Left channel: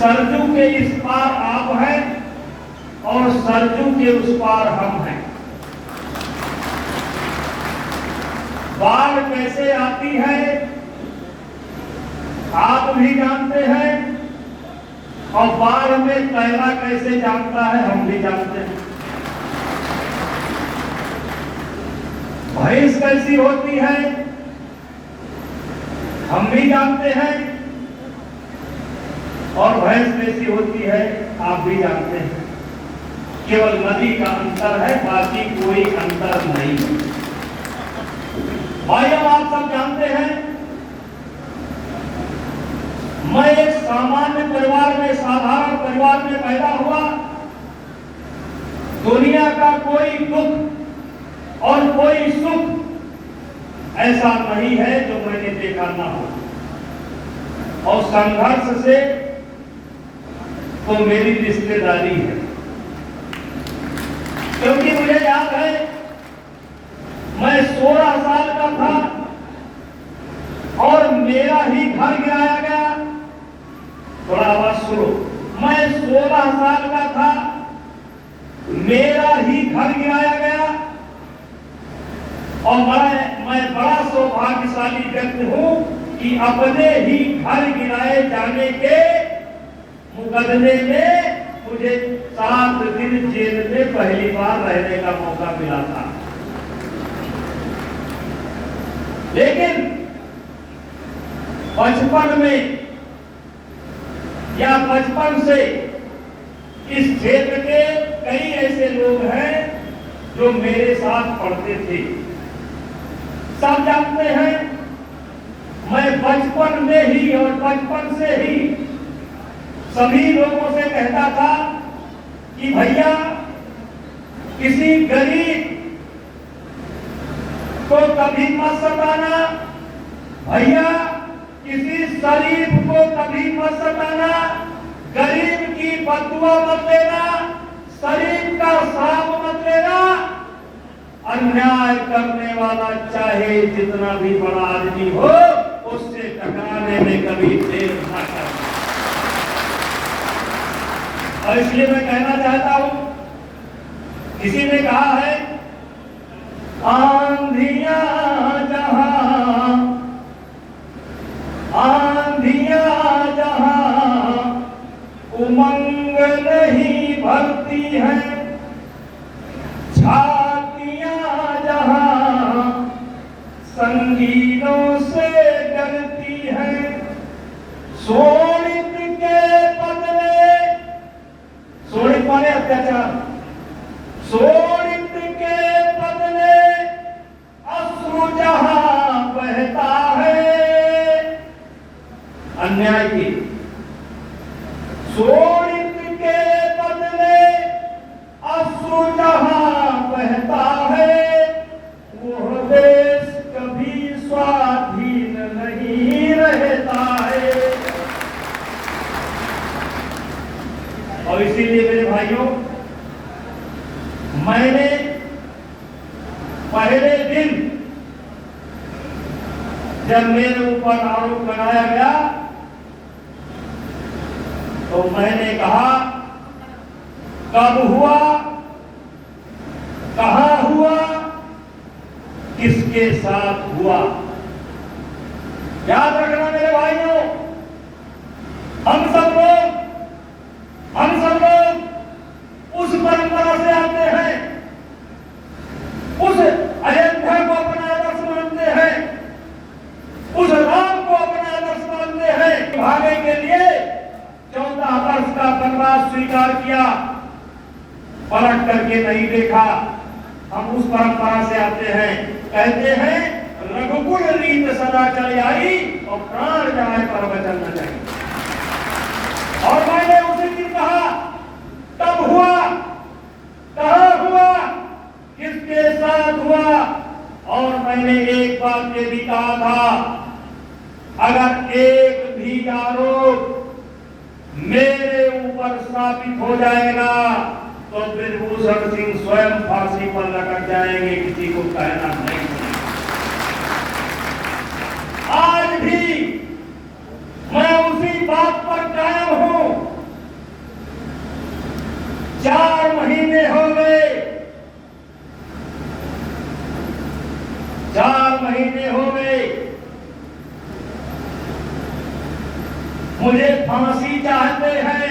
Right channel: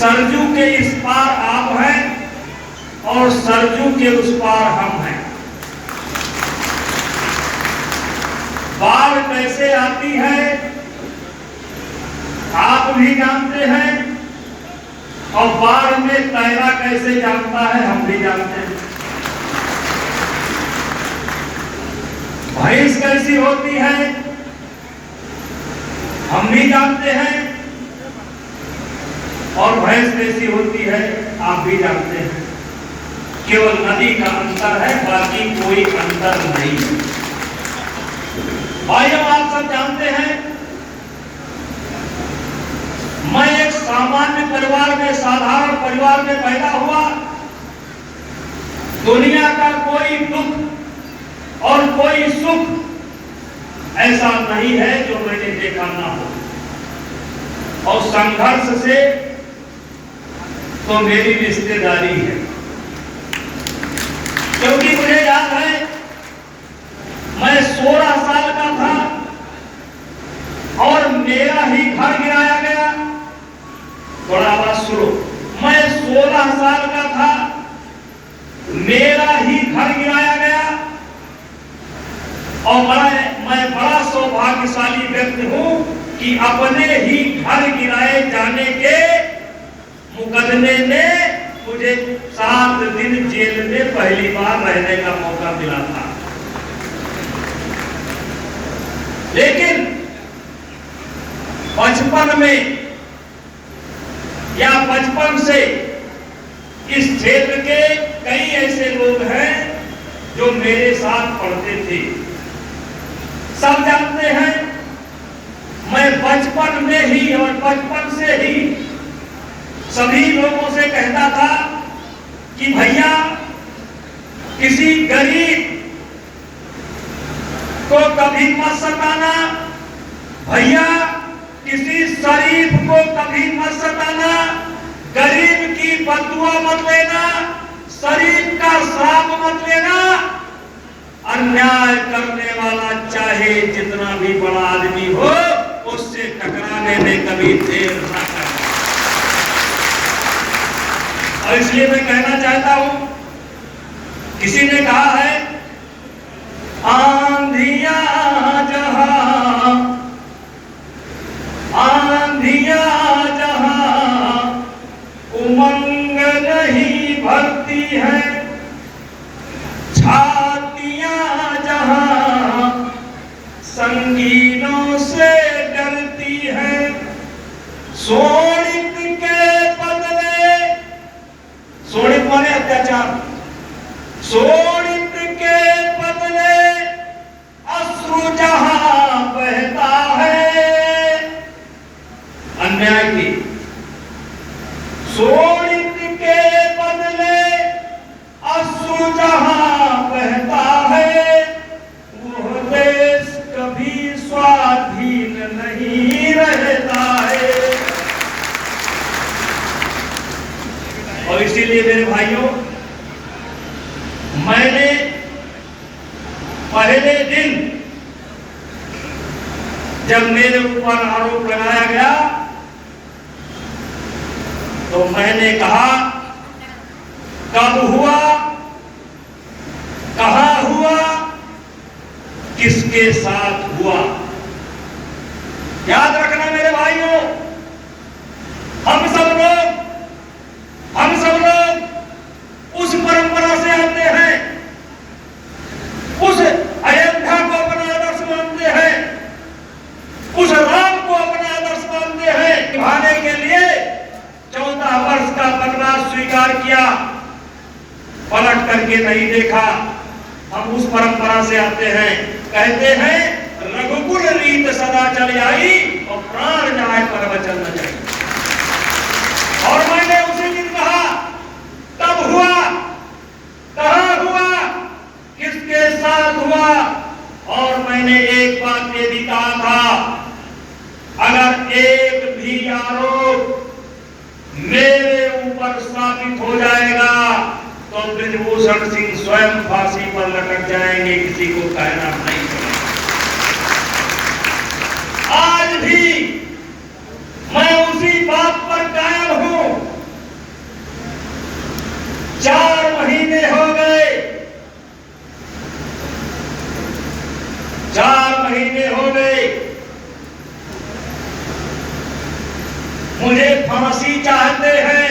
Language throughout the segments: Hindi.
सरजू के इस पार आप हैं और सरजू के उस पार हम हैं। बाढ़ कैसे आती है आप भी जानते हैं, और बाढ़ में तैरना कैसे जानता है हम भी जानते हैं। भैंस कैसी होती है हम भी जानते हैं, और भैंस कैसी होती है आप भी जानते हैं। केवल नदी का अंतर है, बाकी कोई अंतर नहीं। भाइयों आप सब जानते हैं, मैं एक सामान्य परिवार में, साधारण परिवार में पैदा हुआ। दुनिया का कोई दुख और कोई सुख ऐसा नहीं है जो मैंने देखा ना हो, और संघर्ष से तो मेरी रिश्तेदारी है। क्योंकि मुझे याद है मैं 16 साल का था और मेरा ही घर गिराया गया। थोड़ा आवाज सुनो, मैं 16 साल का था, मेरा ही घर गिराया गया, और मैं बड़ा सौभाग्यशाली व्यक्ति हूं कि अपने ही घर गिराए जाने के मुकदमे में मुझे 7 दिन जेल में पहली बार रहने का मौका मिला था। लेकिन बचपन में या बचपन से इस क्षेत्र के कई ऐसे लोग हैं जो मेरे साथ पढ़ते थे। सब जानते हैं मैं बचपन में ही और बचपन से ही सभी लोगों से कहता था कि भैया किसी गरीब को कभी मत सताना, भैया किसी शरीफ को कभी मत सताना, गरीब की बददुआ मत लेना, शरीफ का श्राप मत लेना। अन्याय करने वाला चाहे जितना भी बड़ा आदमी हो, उससे टकराने में कभी देर न करे। और इसलिए मैं कहना चाहता हूं, किसी ने कहा है आंधियां जहां उमंग नहीं भरती है, छातियां जहां संगीनों से डरती है, शोणित के बदले, शोणित माने अत्याचार, शोणित के बदले अश्रु जहां बहता है, अन्याय की शोणित के बदले अश्रु जहां बहता है, वो देश कभी स्वाधीन नहीं रहता है। और इसीलिए मेरे भाइयों, मैंने पहले दिन जब मेरे ऊपर आरोप लगाया गया तो मैंने कहा कब हुआ, कहां हुआ, किसके साथ हुआ। याद रखना मेरे भाइयों, हम सब लोग उस परंपरा से आते हैं, उस अयोध्या को अपना आदर्श मानते हैं, उस राम को अपना आदर्श मानते हैं। निभाने के लिए 14 वर्ष का वनवास स्वीकार किया, पलट करके नहीं देखा। हम उस परंपरा से आते हैं, कहते हैं रघुकुल रीत सदा चली आई और प्राण जाए पर वचन न जाए। और मैंने उसी दिन कहा, तब हुआ, कहां हुआ, किसके साथ हुआ। और मैंने एक बात ये भी कहा था, अगर एक भी आरोप मेरे ऊपर स्थापित हो जाएगा तो बृजभूषण सिंह स्वयं फांसी पर लटक जाएंगे, किसी को कहना नहीं पड़ेगा। आज भी मैं उसी बात पर कायम हूं 4 महीने हो गए, मुझे फांसी चाहते हैं।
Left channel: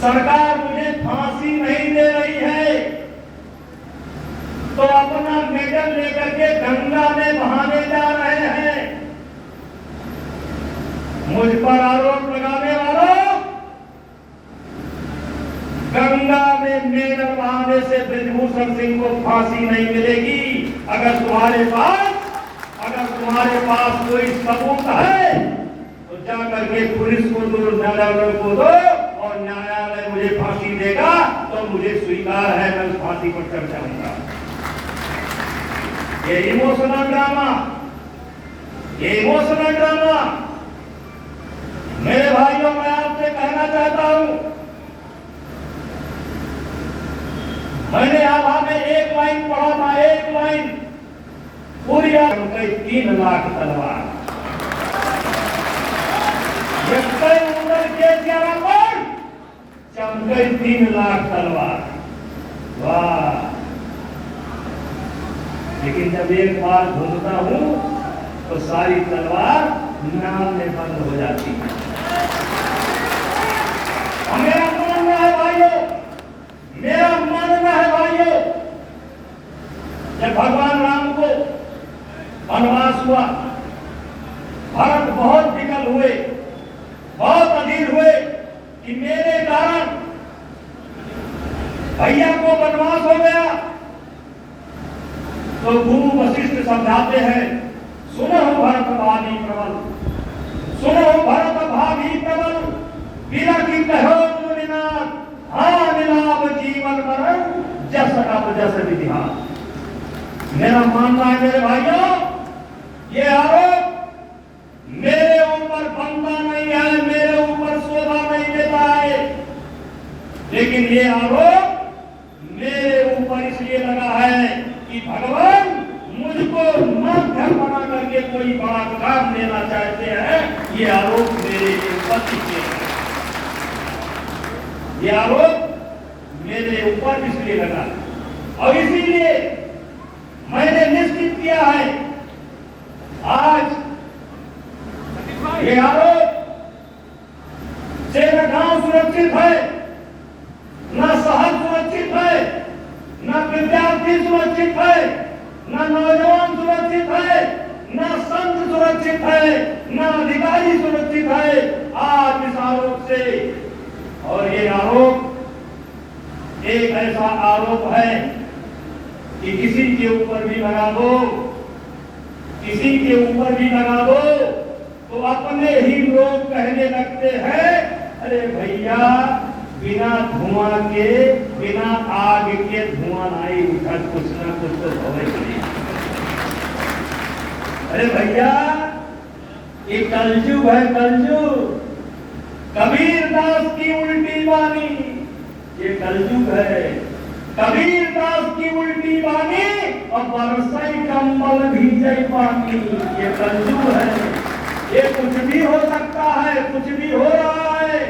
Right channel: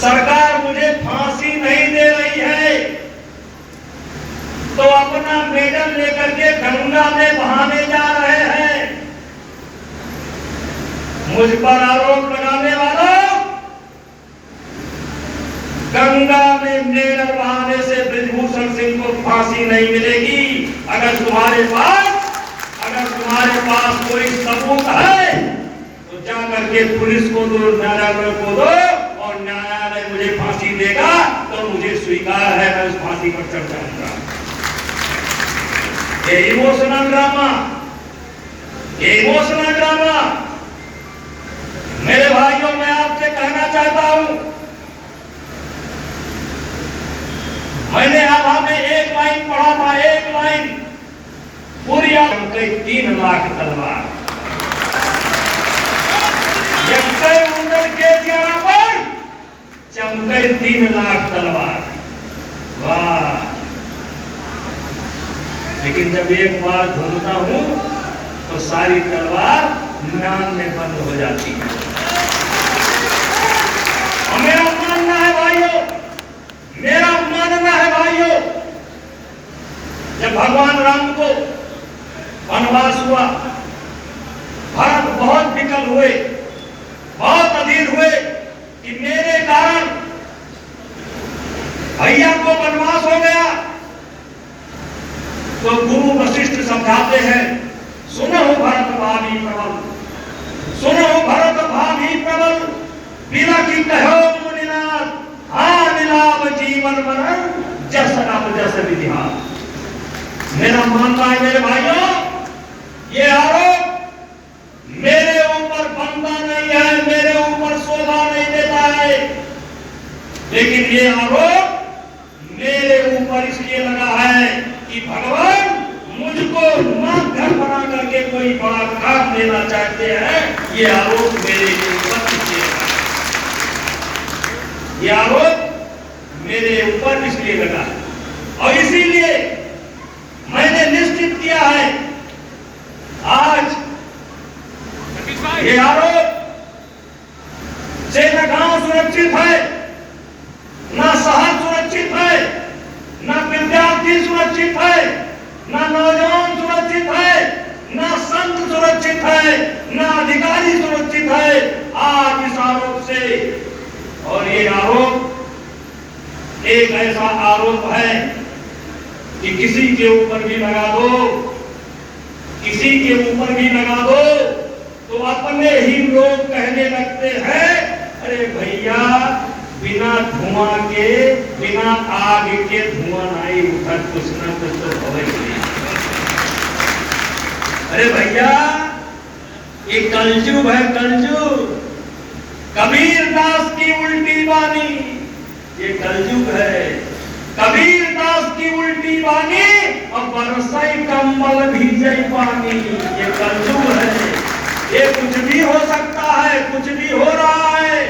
सरकार मुझे फांसी नहीं दे रही है, तो अपना मेडल लेकर के गंगा में बहाने जा रहे हैं। मुझ पर आरोप लगाने वालों, गंगा में मेडल बहाने से बृजभूषण सिंह को फांसी नहीं मिलेगी। अगर तुम्हारे पास कोई सबूत है तो जा करके पुलिस को दो, न्यायालय को दो, और न्यायालय मुझे फांसी देगा तो मुझे स्वीकार है, मैं उस फांसी पर चढ़ जाऊंगा। ये इमोशनल ड्रामा मेरे भाइयों, मैं आपसे कहना चाहता हूं, मैंने आभा में एक लाइन पढ़ा था, एक लाइन पूरी 3 लाख तलवार के पर चमके 3 लाख तलवार। वाह! लेकिन जब एक बार घूमता हूं तो सारी तलवार नाम में बंद हो जाती है। और मेरा मानना है भाइयों, जब भगवान राम को वनवास हुआ, भरत बहुत विकल हुए, बहुत अधीर हुए कि मेरे कारण भैया को वनवास हो गया। तो गुरु वशिष्ठ समझाते हैं, सुनो भरत भाभी प्रबल, बिना की कहो मुनिनाथ, हाँ मिलाप जीवन मरण जस अब जस विधिहार। मेरा मानना है मेरे भाइयों, ये आरोप मेरे ऊपर बनता नहीं है, मेरे ऊपर शोभा नहीं देता है, लेकिन ये आरोप मेरे ऊपर इसलिए लगा है कि भगवान मुझको माध्यम बना करके कोई बड़ा काम देना चाहते हैं। ये आरोप मेरे ऊपर इसलिए लगा, ये आरोप मेरे ऊपर इसलिए लगा, और इसीलिए मैंने निश्चित किया है, आज ये आरोप से न गांव सुरक्षित है, न शहर सुरक्षित है, न विद्यार्थी सुरक्षित है, न नौजवान सुरक्षित है, न संत सुरक्षित है, न अधिकारी सुरक्षित है आज इस आरोप से। और ये आरोप एक ऐसा आरोप है कि किसी के ऊपर भी लगा दो, किसी के ऊपर भी लगा दो तो अपने ही लोग कहने लगते हैं, अरे भैया बिना धुआं के, बिना आग के धुआं नहीं उठा, कुछ ना कुछ तो होगा। अरे भैया ये कलजुग है, कलजुग। कबीर दास की उल्टी वाणी, ये कलजुग है। कबीर दास की उल्टी वाणी और बरसाई कंबल भीजे पानी, ये कलजुग है। ये कुछ भी हो सकता है, कुछ भी हो रहा है।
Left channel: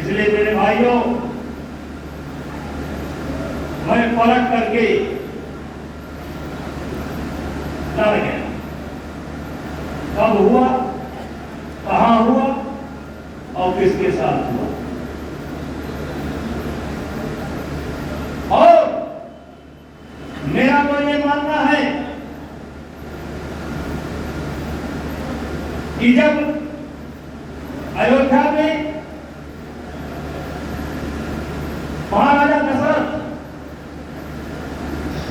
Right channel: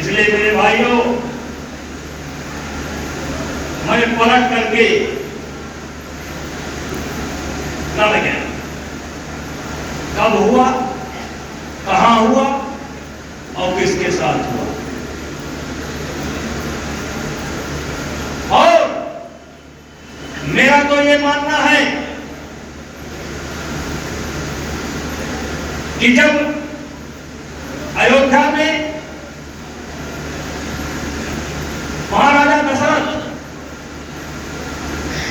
इसलिए मेरे भाइयों, मैं पलट करके लड़ गया। कब हुआ, कहां हुआ और किसके साथ हुआ। और मेरा तो ये मानना है कि जब अयोध्या में महाराजा दशरथ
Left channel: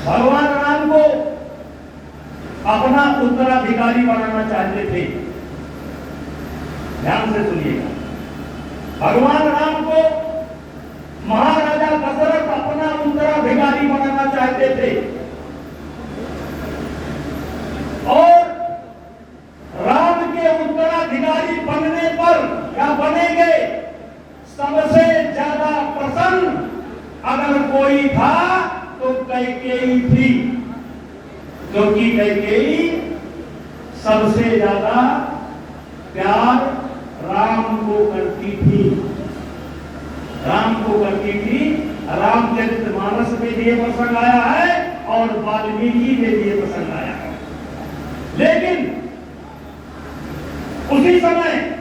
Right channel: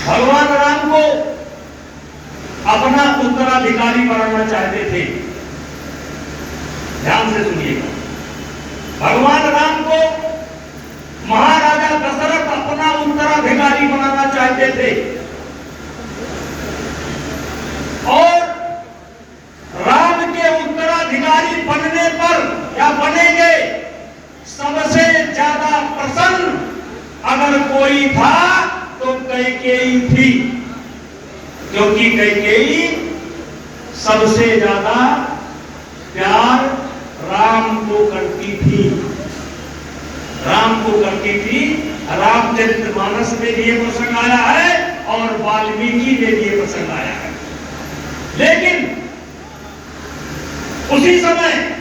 भगवान राम को अपना उत्तराधिकारी बनाना चाहते थे, ध्यान से सुनिएगा, भगवान राम को महाराजा दशरथ अपना उत्तराधिकारी बनाना चाहते थे। और राम के उत्तराधिकारी बनने पर या बनेंगे सबसे ज्यादा प्रसन्न अगर कोई था तो कैकेयी थी, क्योंकि कैकेयी सबसे ज्यादा प्यार राम को करती थी, राम को करती थी। रामचरितमानस में भी ये प्रसंग आया है, और वाल्मीकि ने भी ये पसंद आया है। लेकिन उसी समय